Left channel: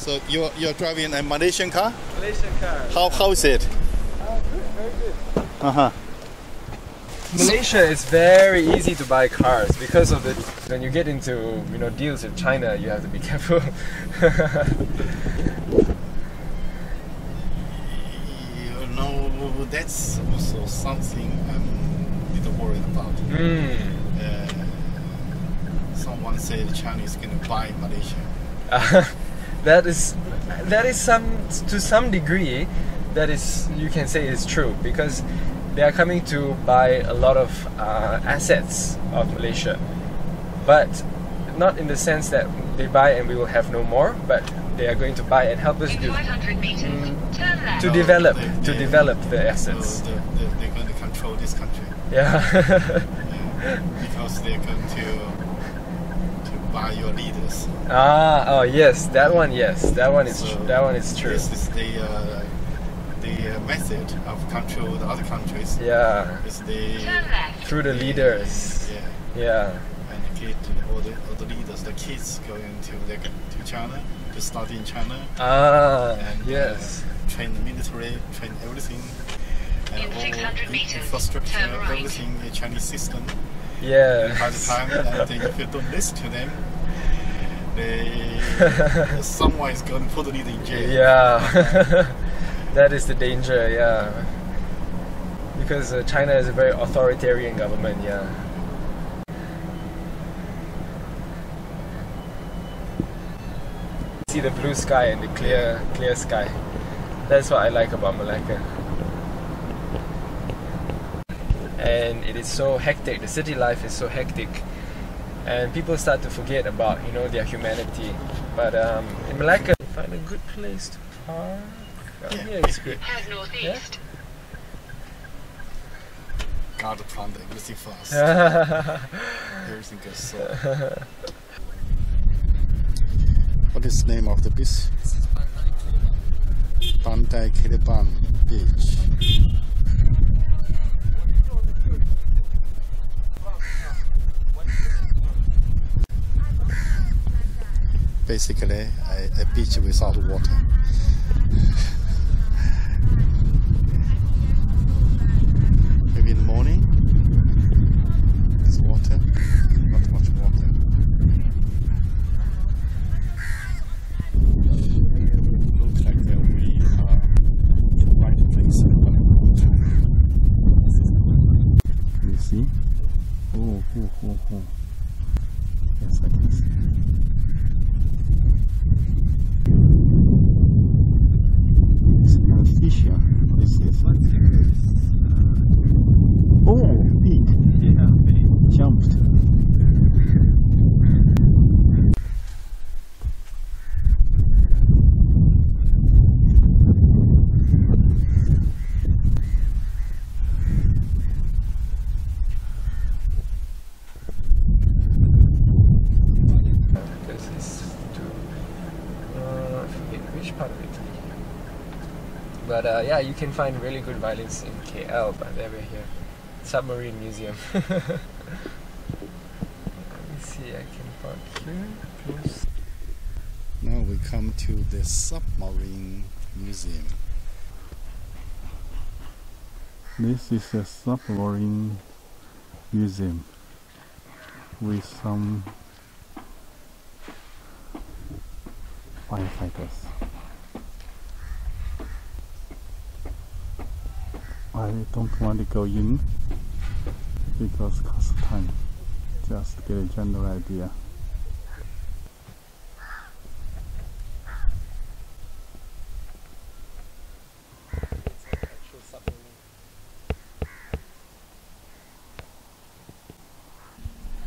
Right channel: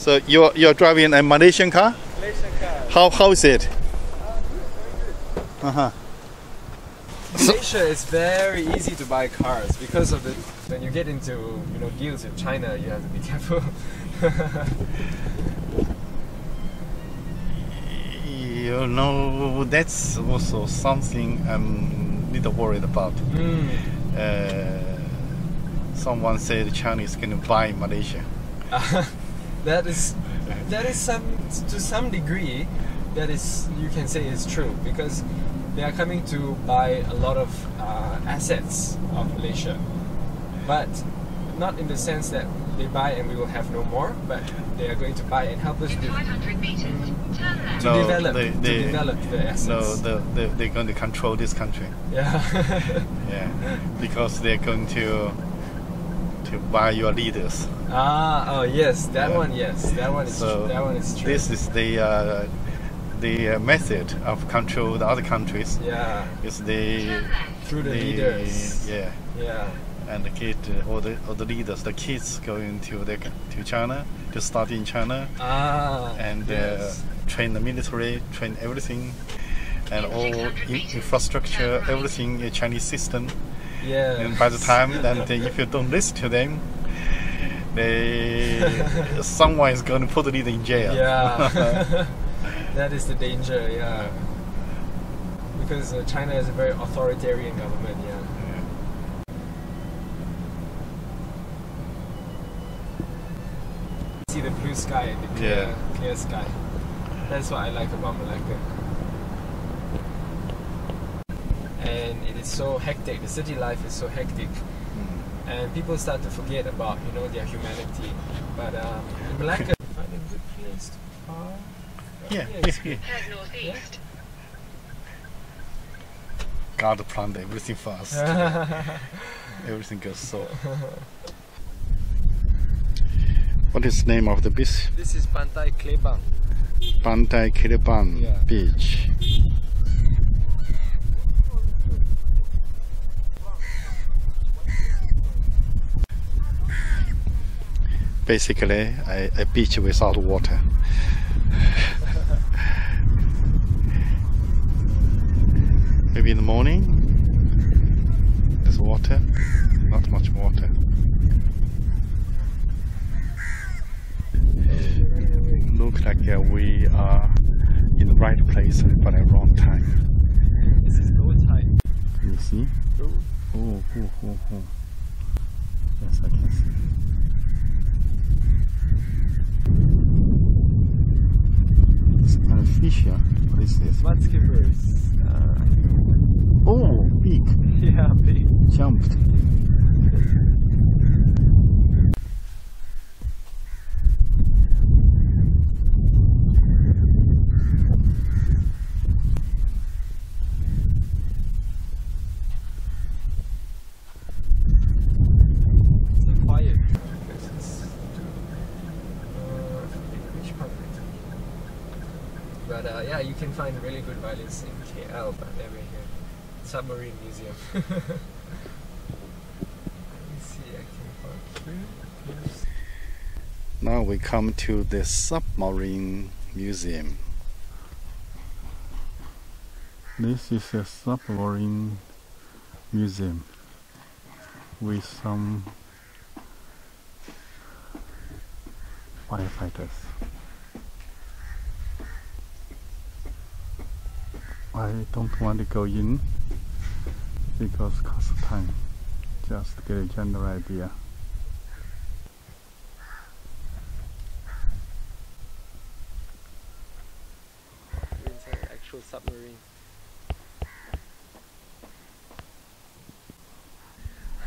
So you're driving a Malaysian car? Malaysian car. How is it? Very good. Malaysia is very easy to buy cars because of the when you get into deals with China, you have to be careful. That's also something I'm a little worried about. Someone said China is going to buy Malaysia. That is to some degree, that is, you can say is true, because they are coming to buy a lot of assets of Malaysia, but not in the sense that they buy and we will have no more, but they are going to buy and help us develop the assets. No, they're going to control this country. Yeah. Yeah, because they're going to buy your leaders. Oh yes, that one. Yes, that one is true. This is the method of control the other countries. Yeah. Is through the leaders. Yeah. Yeah. And all the leaders, the kids going to China to study in China. And yes. Train the military, train everything, and all infrastructure, everything a Chinese system. Yeah. And by the time then if you don't listen to them, someone is going to put the leader in jail. Yeah. That is the danger. Yeah. Because China is a very authoritarian government. Yeah. See the blue sky and the clear sky. That's what I like about Malacca. And it is so hectic. The city life is so hectic, and people start to forget about their humanity. But in Malacca, you find a good place to park. Yeah, it's good. Head northeast. Yeah? God planned everything for us. Everything goes so. What is the name of the beach? This is Pantai Klebang. Pantai Klebang Beach. Basically, a beach without water. Maybe in the morning, there's water, not much water. Looks like we are in the right place but at the wrong time. This is low tide. You see? Oh. Yes, I can see. It's kind of fish here. What is this? Mudskippers. Oh, big. Yeah, big. Jumped. But yeah, you can find really good violins in KL, but never here. Submarine Museum. Let me see, I can park here. Close. Now we come to the Submarine Museum. This is a submarine museum with some firefighters. I don't want to go in because it costs time. Just to get a general idea. It's an actual submarine.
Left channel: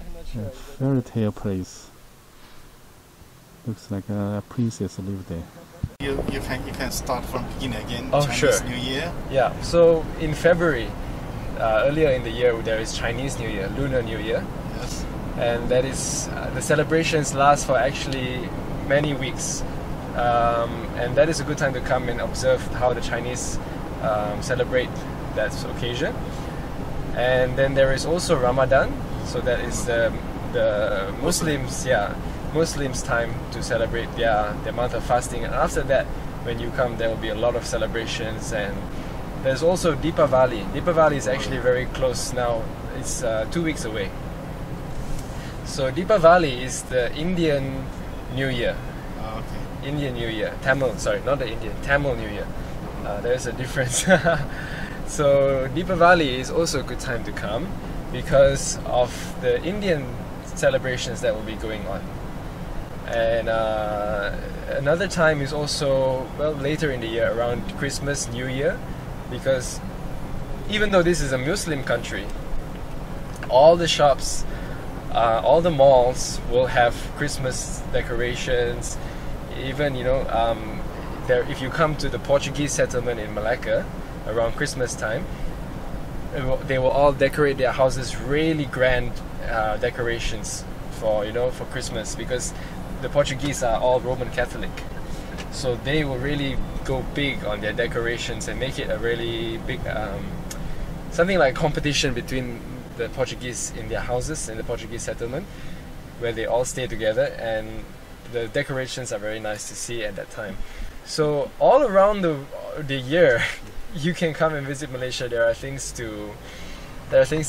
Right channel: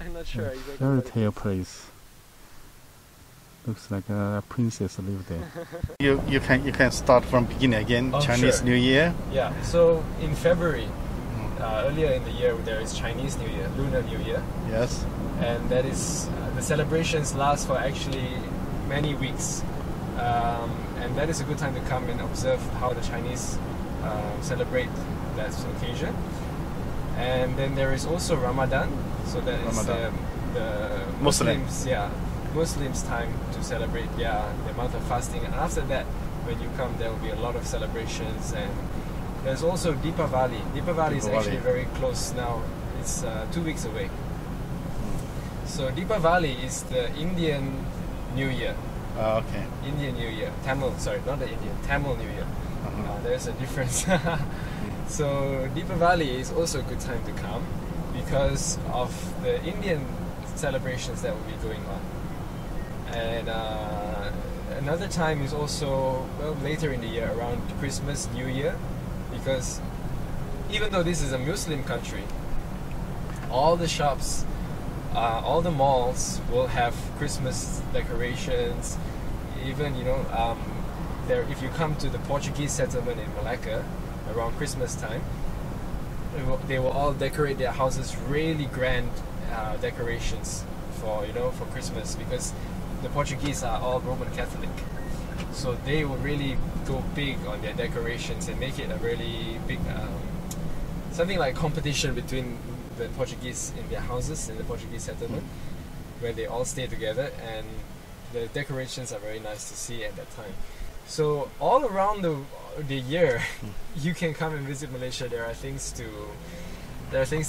I'm not sure. Fairy tale place. Looks like a princess lived there. You can start from beginning again. Oh, Chinese sure. New Year. Yeah. So in February, earlier in the year, there is Chinese New Year, Lunar New Year. Yes. And that is the celebrations last for actually many weeks, and that is a good time to come and observe how the Chinese celebrate that occasion. And then there is also Ramadan, so that is the Muslims, Muslims' time to celebrate their month of fasting. And after that, when you come, there will be a lot of celebrations. And there's also Deepavali. Deepavali is actually very close now. It's 2 weeks away. So Deepavali is the Indian New Year. Okay. Indian New Year. Tamil, sorry, not the Indian. Tamil New Year. There's a difference. So Deepavali is also a good time to come because of the Indian celebrations that will be going on. And another time is also, well, later in the year, around Christmas, New Year, because even though this is a Muslim country, all the shops, all the malls will have Christmas decorations. Even, you know, there, if you come to the Portuguese settlement in Malacca around Christmas time, they will all decorate their houses really grand decorations for, you know, for Christmas, because the Portuguese are all Roman Catholic, so they will really go big on their decorations and make it a really big something like competition between the Portuguese in their houses in the Portuguese settlement, where they all stay together, and the decorations are very nice to see at that time. So all around the year, you can come and visit Malaysia. There are things to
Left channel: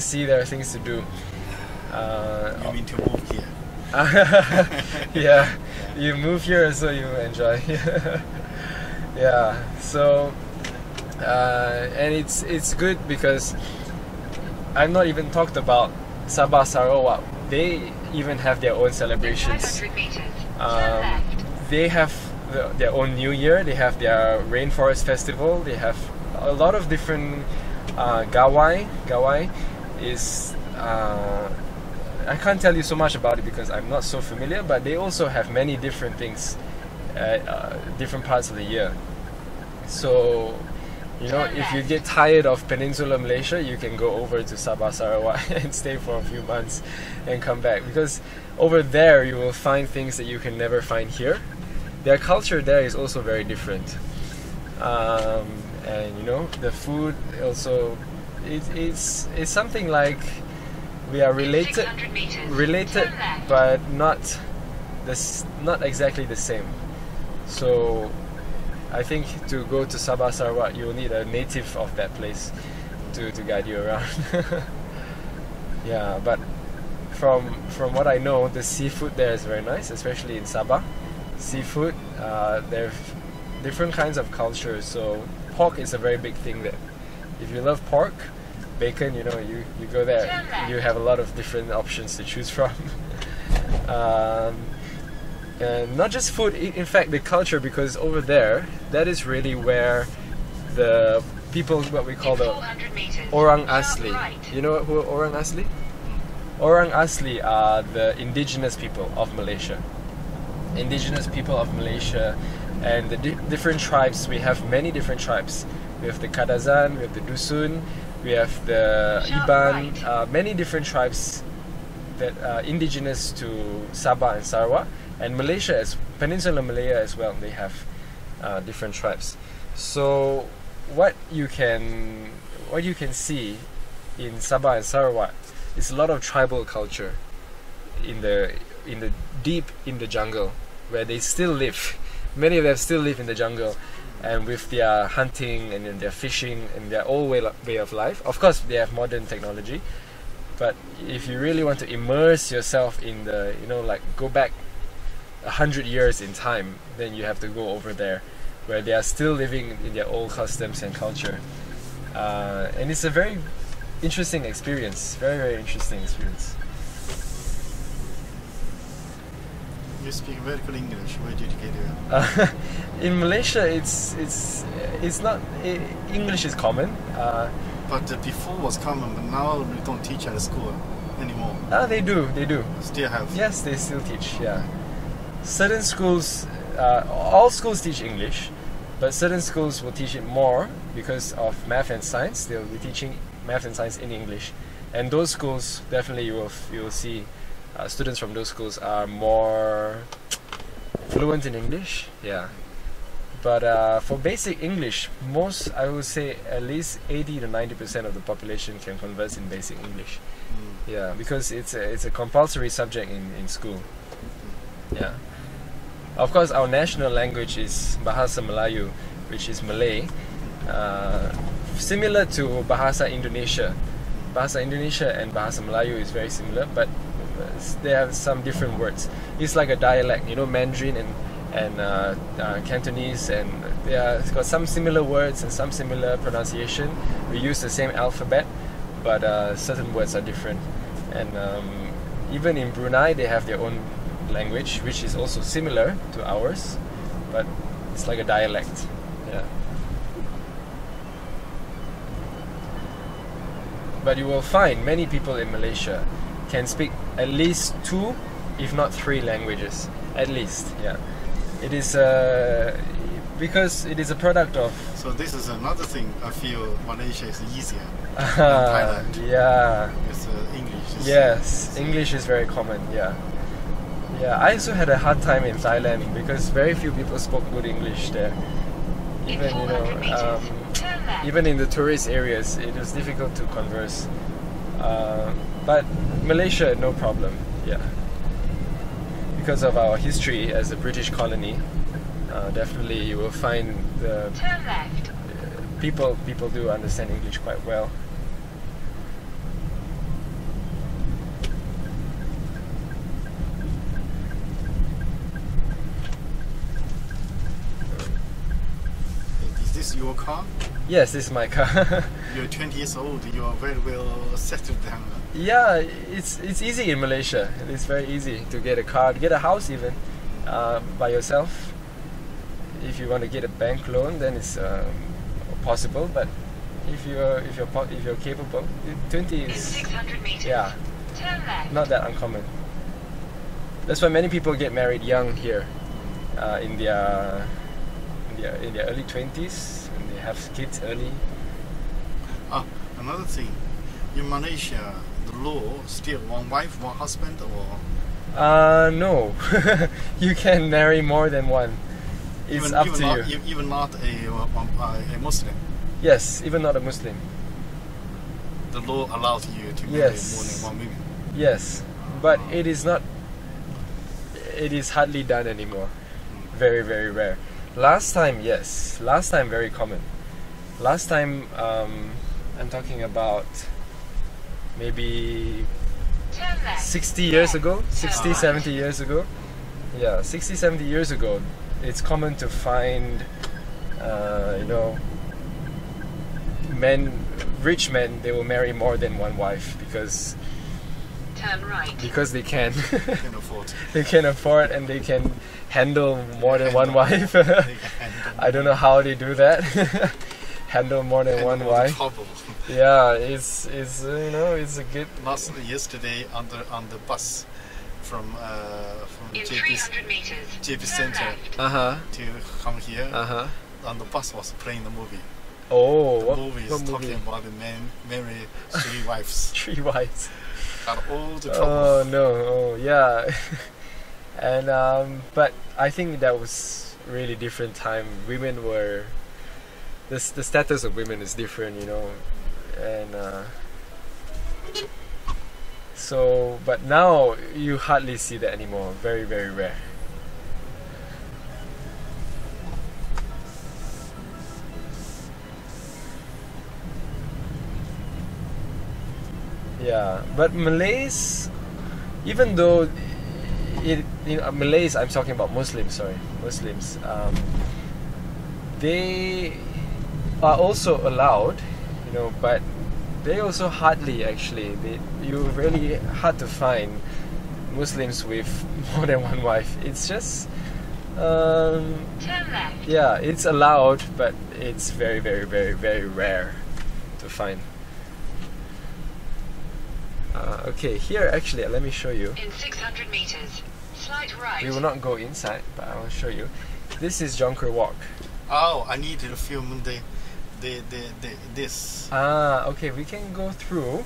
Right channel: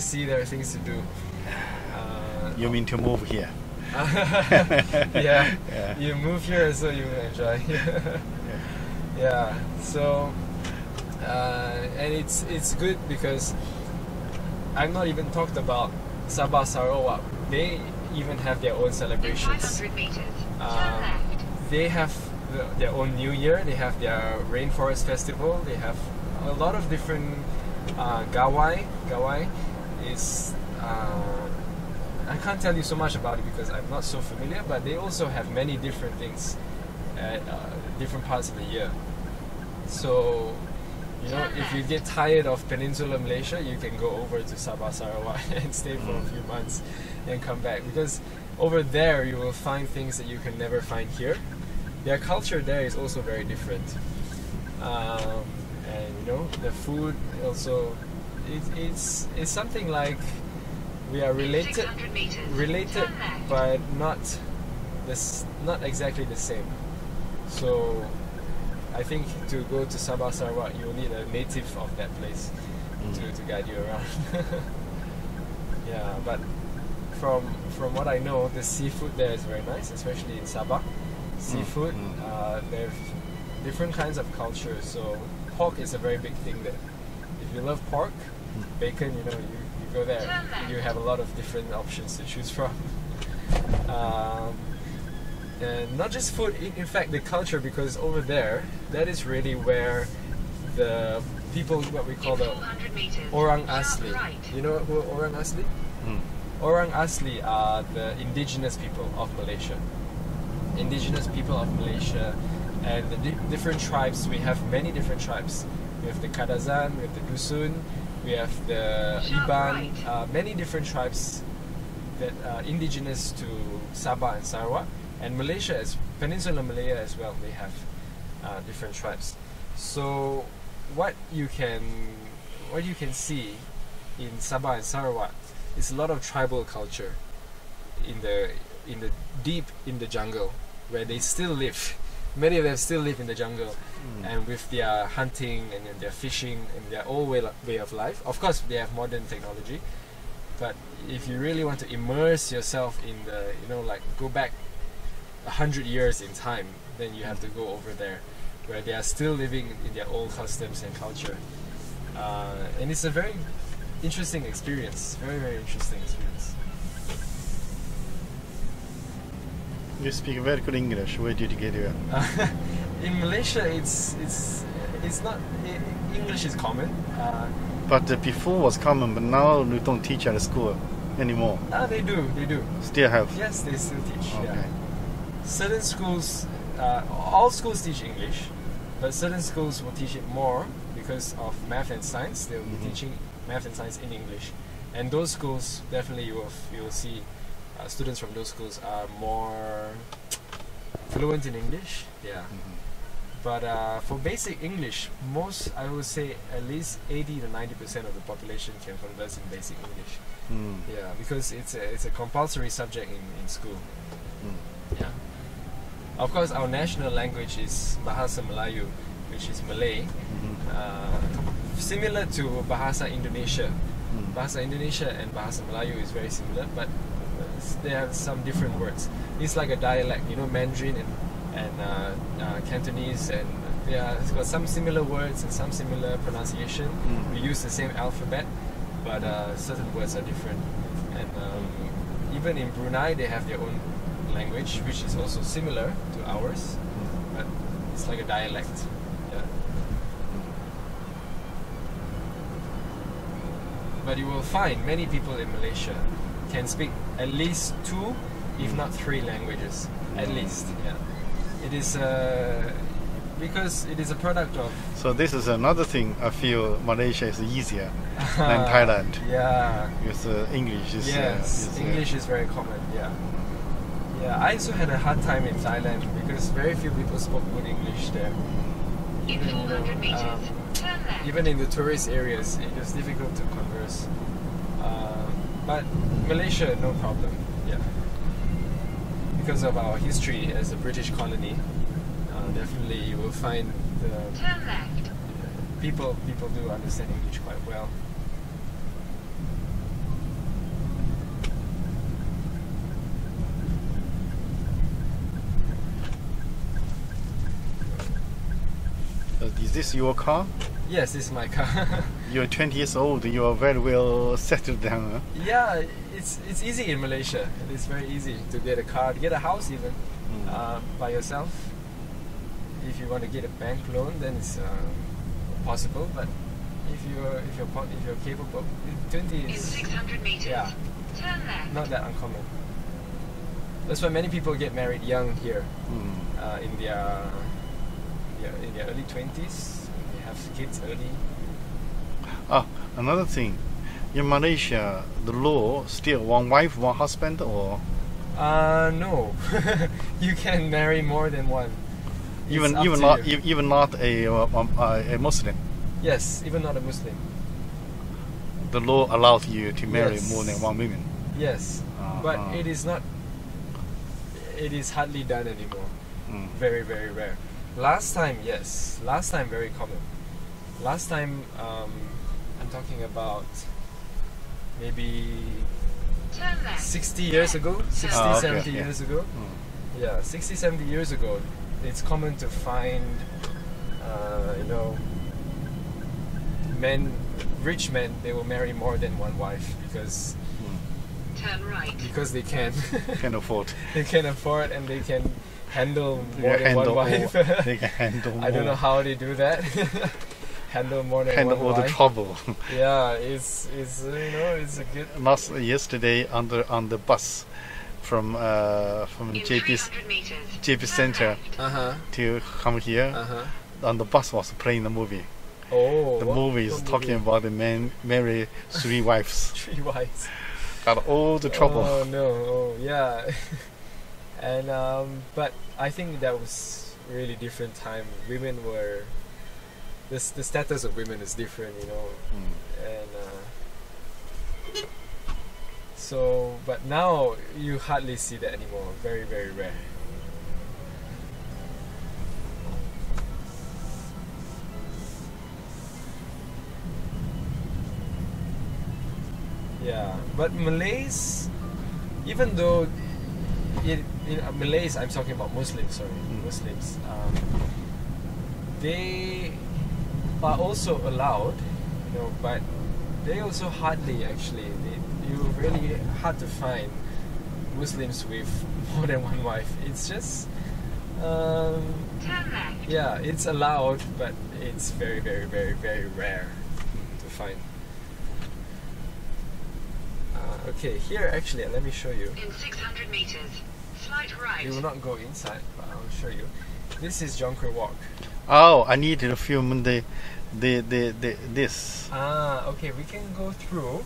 see. There are things to do. You mean to move here? Yeah, you move here so you enjoy. Yeah. So and it's good because I've not even talked about Sabah Sarawak. They even have their own celebrations. They have their own New Year. They have their Rainforest Festival. They have a lot of different Gawai. Gawai is I can't tell you so much about it because I'm not so familiar, but they also have many different things at different parts of the year. So, you know, if you get tired of Peninsular Malaysia, you can go over to Sabah Sarawak and stay for a few months and come back, because over there you will find things that you can never find here. Their culture there is also very different, and you know, the food also it's something like we are related, but not exactly the same. So I think to go to Sabah Sarawak, you'll need a native of that place to guide you around. Yeah, but from what I know, the seafood there is very nice, especially in Sabah. Seafood, there are different kinds of cultures. So pork is a very big thing there. If you love pork, bacon, you know, you go there, you have a lot of different options to choose from. And not just food, in fact the culture, because over there, that is really where the people, what we call the Orang Asli. You know who Orang Asli? Orang Asli are the indigenous people of Malaysia. Indigenous people of Malaysia, and the different tribes. We have many different tribes. We have the Kadazan, we have the Dusun, we have the Iban, many different tribes that are indigenous to Sabah and Sarawak, and Malaysia, as Peninsular Malaya as well. They have different tribes. So what you can see in Sabah and Sarawak is a lot of tribal culture in the deep in the jungle, where they still live. Many of them still live in the jungle, and with their hunting and their fishing and their old way of life. Of course, they have modern technology, but if you really want to immerse yourself in the, you know, like go back 100 years in time, then you have to go over there, where they are still living in their old customs and culture. And it's a very interesting experience, very interesting experience. You speak very good English. Where did you get it? In Malaysia, it's not English is common. But before was common, but now we don't teach at school anymore. They do. Still have? Yes, they still teach. Okay. Yeah. Certain schools, all schools teach English, but certain schools will teach it more because of math and science. They will be teaching math and science in English, and those schools definitely you will see. Students from those schools are more fluent in English, yeah. But for basic English, I would say at least 80 to 90% of the population can converse in basic English. Yeah, because it's a compulsory subject in school. Yeah. Of course, our national language is Bahasa Melayu, which is Malay. Similar to Bahasa Indonesia. Bahasa Indonesia and Bahasa Melayu is very similar, but they have some different words. It's like a dialect, you know, Mandarin and Cantonese, and it's got some similar words and some similar pronunciation. We use the same alphabet, but certain words are different. And even in Brunei, they have their own language, which is also similar to ours, but it's like a dialect. Yeah. But you will find many people in Malaysia can speak at least 2, if not 3 languages, at least. Yeah, it is because it is a product of. So this is another thing. I feel Malaysia is easier than Thailand. Yeah. Because English is. Yes, English is very common. Yeah. Yeah, I also had a hard time in Thailand because very few people spoke good English there. Even even in the tourist areas, it was difficult to converse. But Malaysia, no problem. Yeah, because of our history as a British colony, definitely you will find the people do understand English quite well. Is this your car? Yes, this is my car. You're 20 years old. You are very well settled down. Huh? Yeah, it's easy in Malaysia. It's very easy to get a car, to get a house even by yourself. If you want to get a bank loan, then it's possible. But if you're capable, 20 is 600 meters. Yeah, Turn left. not that uncommon. That's why many people get married young here, in their early 20s, and they have kids early. Another thing, in Malaysia, the law still one wife, one husband, or no, you can marry more than one. even not a Muslim. Yes, even not a Muslim. The law allows you to marry Yes. more than one woman. Yes, but it is not. It is hardly done anymore. Very, very rare. Last time, yes. Last time, very common. Last time, I'm talking about maybe Turn left. 60 years ago, 60, okay, 70 yeah. years ago. Yeah, 60, 70 years ago, it's common to find, rich men, they will marry more than one wife because Turn right. they can. Can afford. They can afford and they can handle more than one wife. They can handle I don't know how they do that. Handle more than handle one all the wife. trouble. Yeah, it's it's a good. Yesterday on the bus from In JP's 300 meters. JP Turn Center left. to come here. On the bus was playing the movie. Oh, The movie is talking about the man marry 3 wives. 3 wives. Got all the trouble. Oh no! Oh yeah. And but I think that was really different time. Women were the status of women is different, and so. But now you hardly see that anymore. Very, very rare. Yeah, but Malays, even though Malays, I'm talking about Muslims. Sorry, Muslims. They are also allowed, but they also hardly actually. You really hard to find Muslims with more than one wife. It's just. Turn left. Yeah, it's allowed, but it's very, very, very, very rare to find. Okay, here actually, let me show you. In 600 meters. Slight right. We will not go inside, but I will show you. This is Jonker Walk. Oh, I need to film this. Okay, we can go through.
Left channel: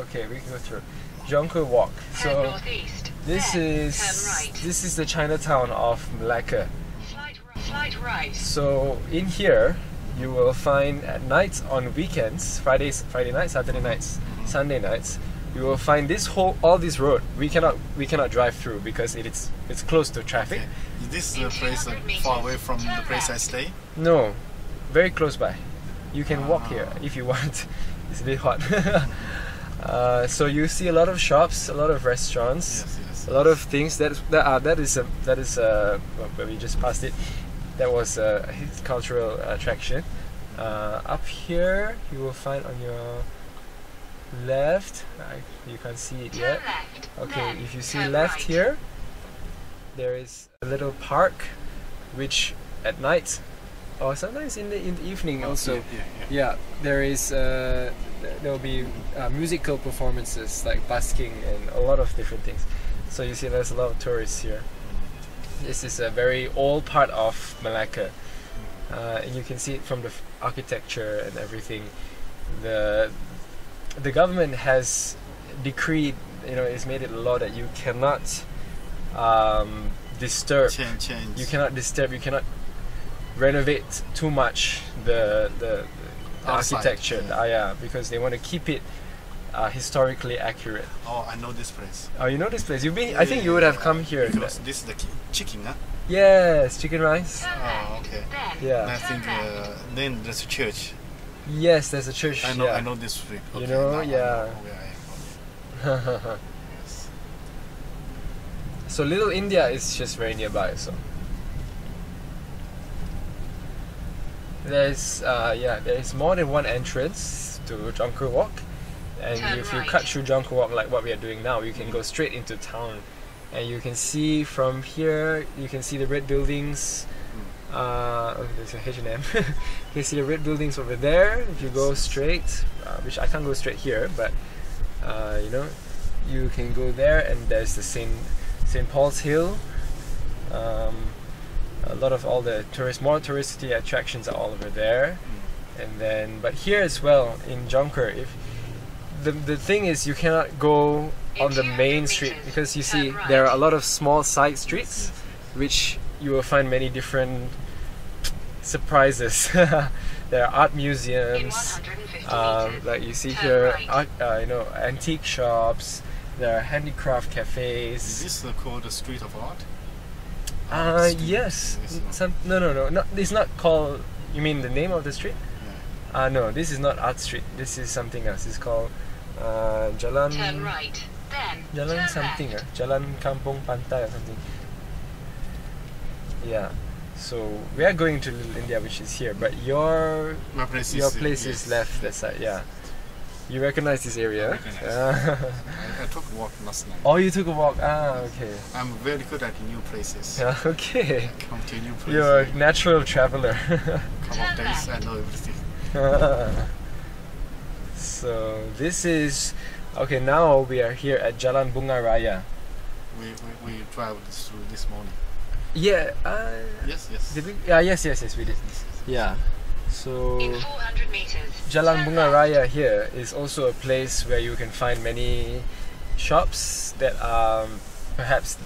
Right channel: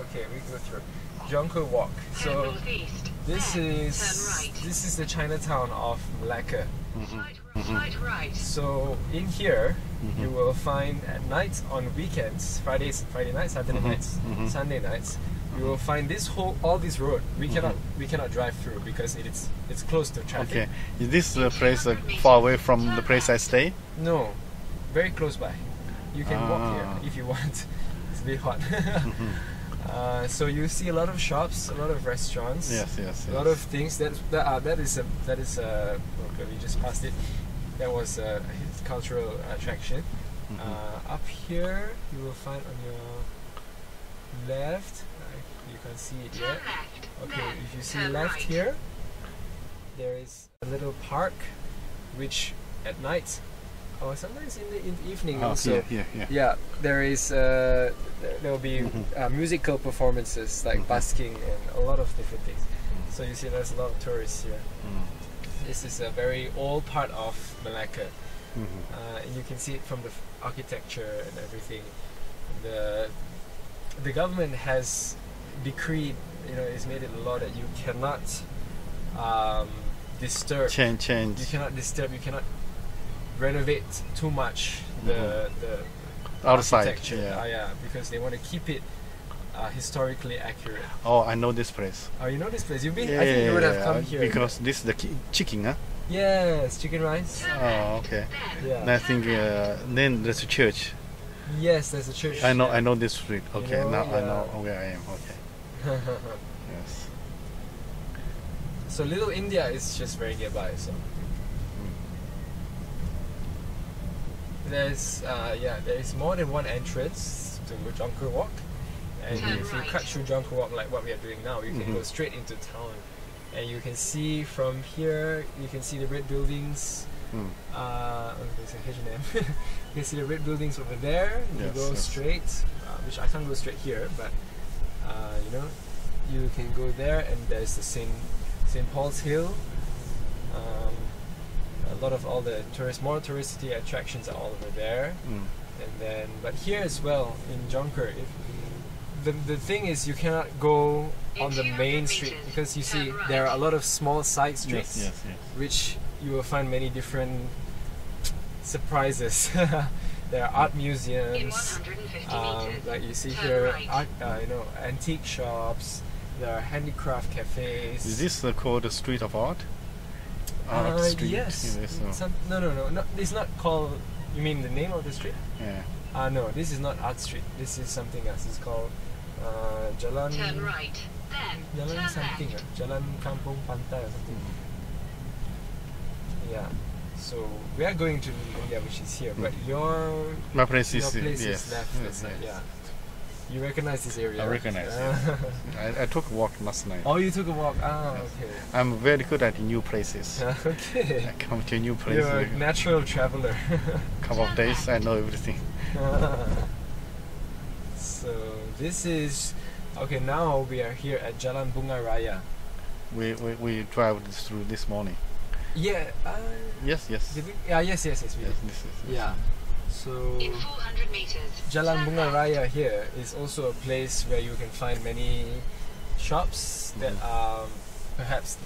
Okay, we can go through. Jonker Walk. Head So northeast. this Then is turn right. this is the Chinatown of Malacca. Slight right. So in here, you will find at nights on weekends, Friday nights, Saturday nights, Sunday nights, you will find all this road. We cannot drive through because it's close to traffic. Okay. Is this place far away from the place I stay? No, very close by. You can walk here if you want. It's a bit hot. So you see a lot of shops, a lot of restaurants, Yes. a lot of things. That is where we just passed it. That was a cultural attraction. Up here, you will find on your left. You can't see it yet. Okay, if you see left here, there is a little park, which at night, or sometimes in the evening also. Yeah, there is there will be musical performances like busking and a lot of different things. So you see, there's a lot of tourists here. This is a very old part of Malacca, and you can see it from the architecture and everything. The government has decreed, it's made it a law that you cannot disturb. Change. You cannot disturb. You cannot renovate too much the architecture. Yeah. Because they want to keep it historically accurate. Oh, I know this place. Oh, you know this place? You've been. I think you would have come here because this is the chicken, huh? Yes, chicken rice. Oh, okay. Yeah. And I think then there's a church. Yes, there's a church. I know this street. Okay, know, now yeah. I know where I am. Okay. Yes. So Little India is just very nearby. So there is more than one entrance to Jangkar Walk, and if you cut through Jangkar Walk like what we are doing now, you can go straight into town, and you can see from here. You can see the red buildings. There's a H&M. You can see the red buildings over there. If you go straight, which I can't go straight here, but you can go there, and there's the St. Paul's Hill. A lot of all the more touristy attractions are all over there. And then, but here as well in Jangkar, if the thing is, you cannot go on the main street because you see there are a lot of small side streets, which you will find many different surprises. There are art museums, like you see here, antique shops. There are handicraft cafes. Is this called the Street of Art? Yes. No. It's not called. You mean the name of the street? Yeah. No, this is not Art Street. This is something else. It's called Jalan. Turn right, then Jalan turn something. left. Jalan Kampung Pantai or something. Yeah. So we are going to Little India, which is here, but your place is left that side. Yeah. You recognize this area? I recognize. I took a walk last night. Oh, you took a walk. Okay. I'm very good at new places. Okay. I come to a new place. You're a natural traveler. Couple of days, I know everything. So this is okay. Now we are here at Jalan Bunga Raya. We traveled through this morning. Yeah. Yes. Did we? Yeah. Yes. We did. Yes. Yeah. So In 400 meters. Jalan turn Bunga left. Raya here is also a place where you can find many shops that are perhaps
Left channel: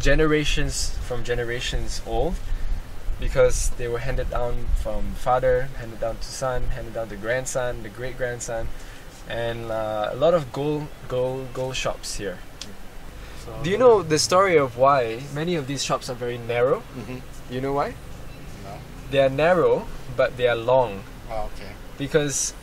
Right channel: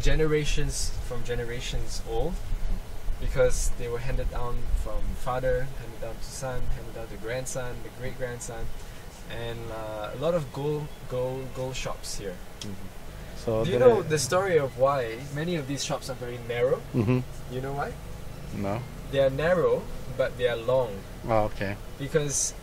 generations old, because they were handed down from father, handed down to son, handed down to grandson, the great grandson, and a lot of gold shops here. So Do you know the story of why many of these shops are very narrow? Do you know why? No. They are narrow, but they are long. Oh, okay. Because